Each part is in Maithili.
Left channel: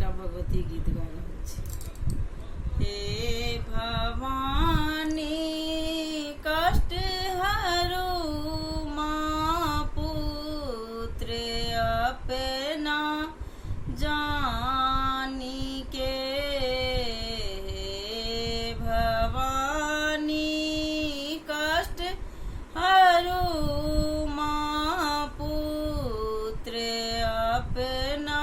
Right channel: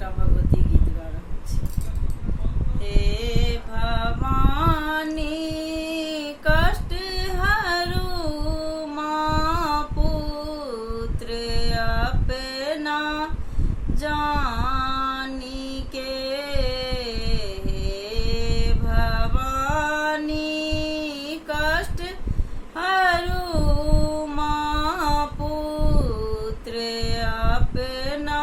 एकटा भगवती गीत गा रहल छी। हे भवानी कष्ट हरू माँ पुत्र अपना जानी के। हे भवानी कष्ट हरू माँ पुत्र अपना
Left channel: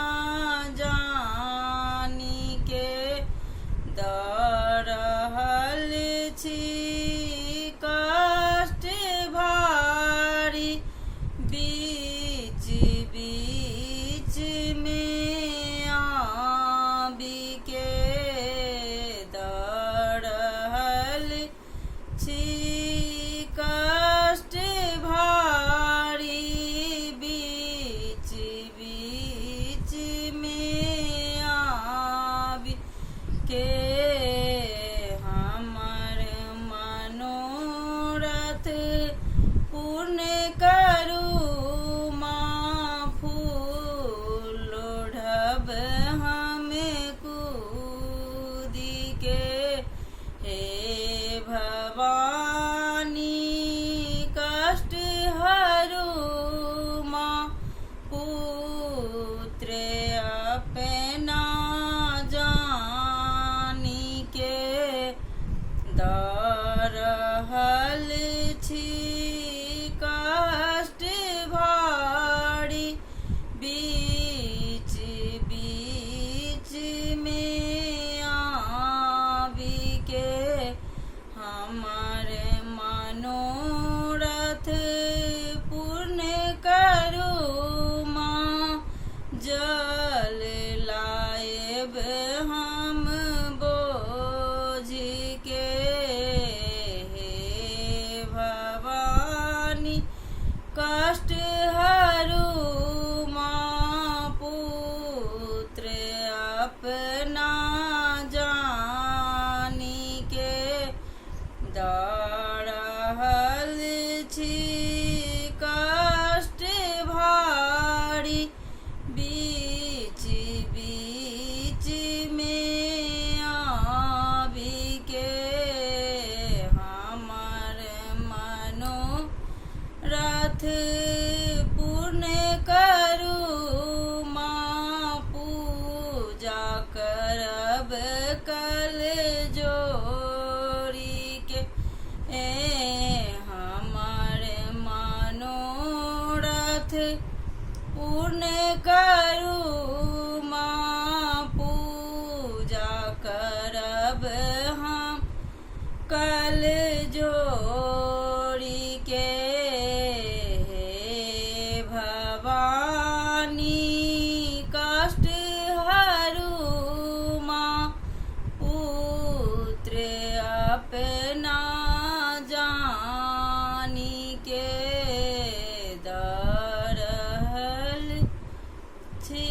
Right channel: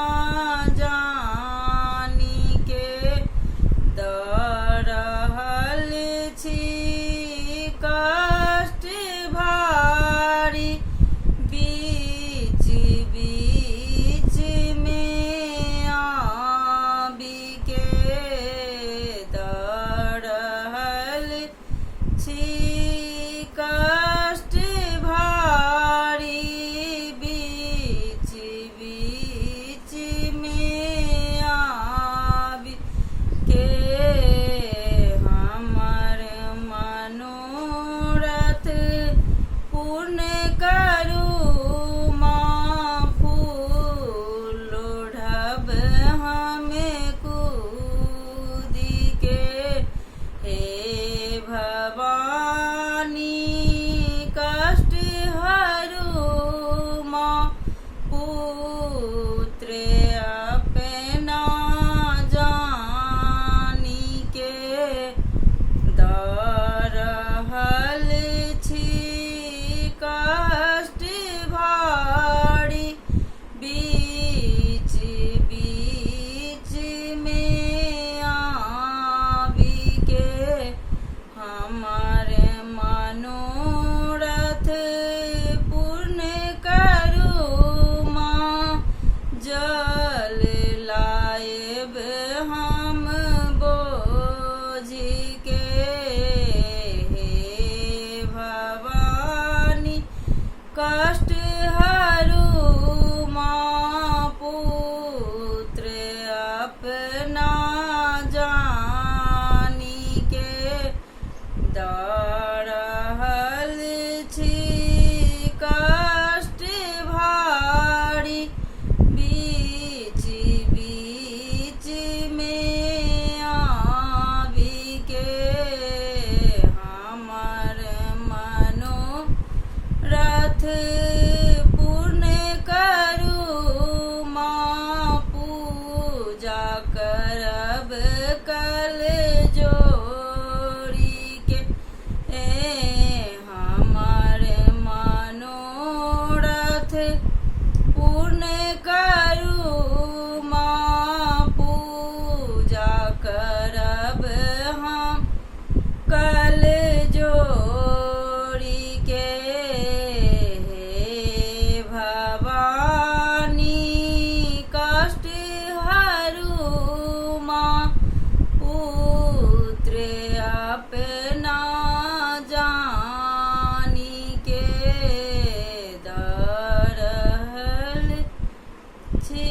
जानी के। दऽ रहल छी कष्ट भारी बीच बीच में आबि के। दऽ रहल छी कष्ट भारी बीच बीच में आबि के। हमर मनोरथ पूर्ण करू माँ फूल ओढ़ब हमें कूदी के। हे भवानी कष्ट हरू माँ पुत्र अपना जानी के। दऽ रहल छी कष्ट भारी बीच बीच में आबि के। हमर मनोरथ पूर्ण करू माँ जल लाएब हम बोझ के। हे भवानी कष्ट हरू माँ पुत्र अपना जानी के। दऽ रहल छी कष्ट भारी बीच बीच में आबि के। हमर मनोरथ पूर्ण करू माँ पूजा करब कल जोड़ी के। हमर मनोरथ पूर्ण करू माँ पूजा करब हम कल जोड़ी के। हे भवानी कष्ट हरू माँ पुत्र अपना जानी के। दऽ रहल छी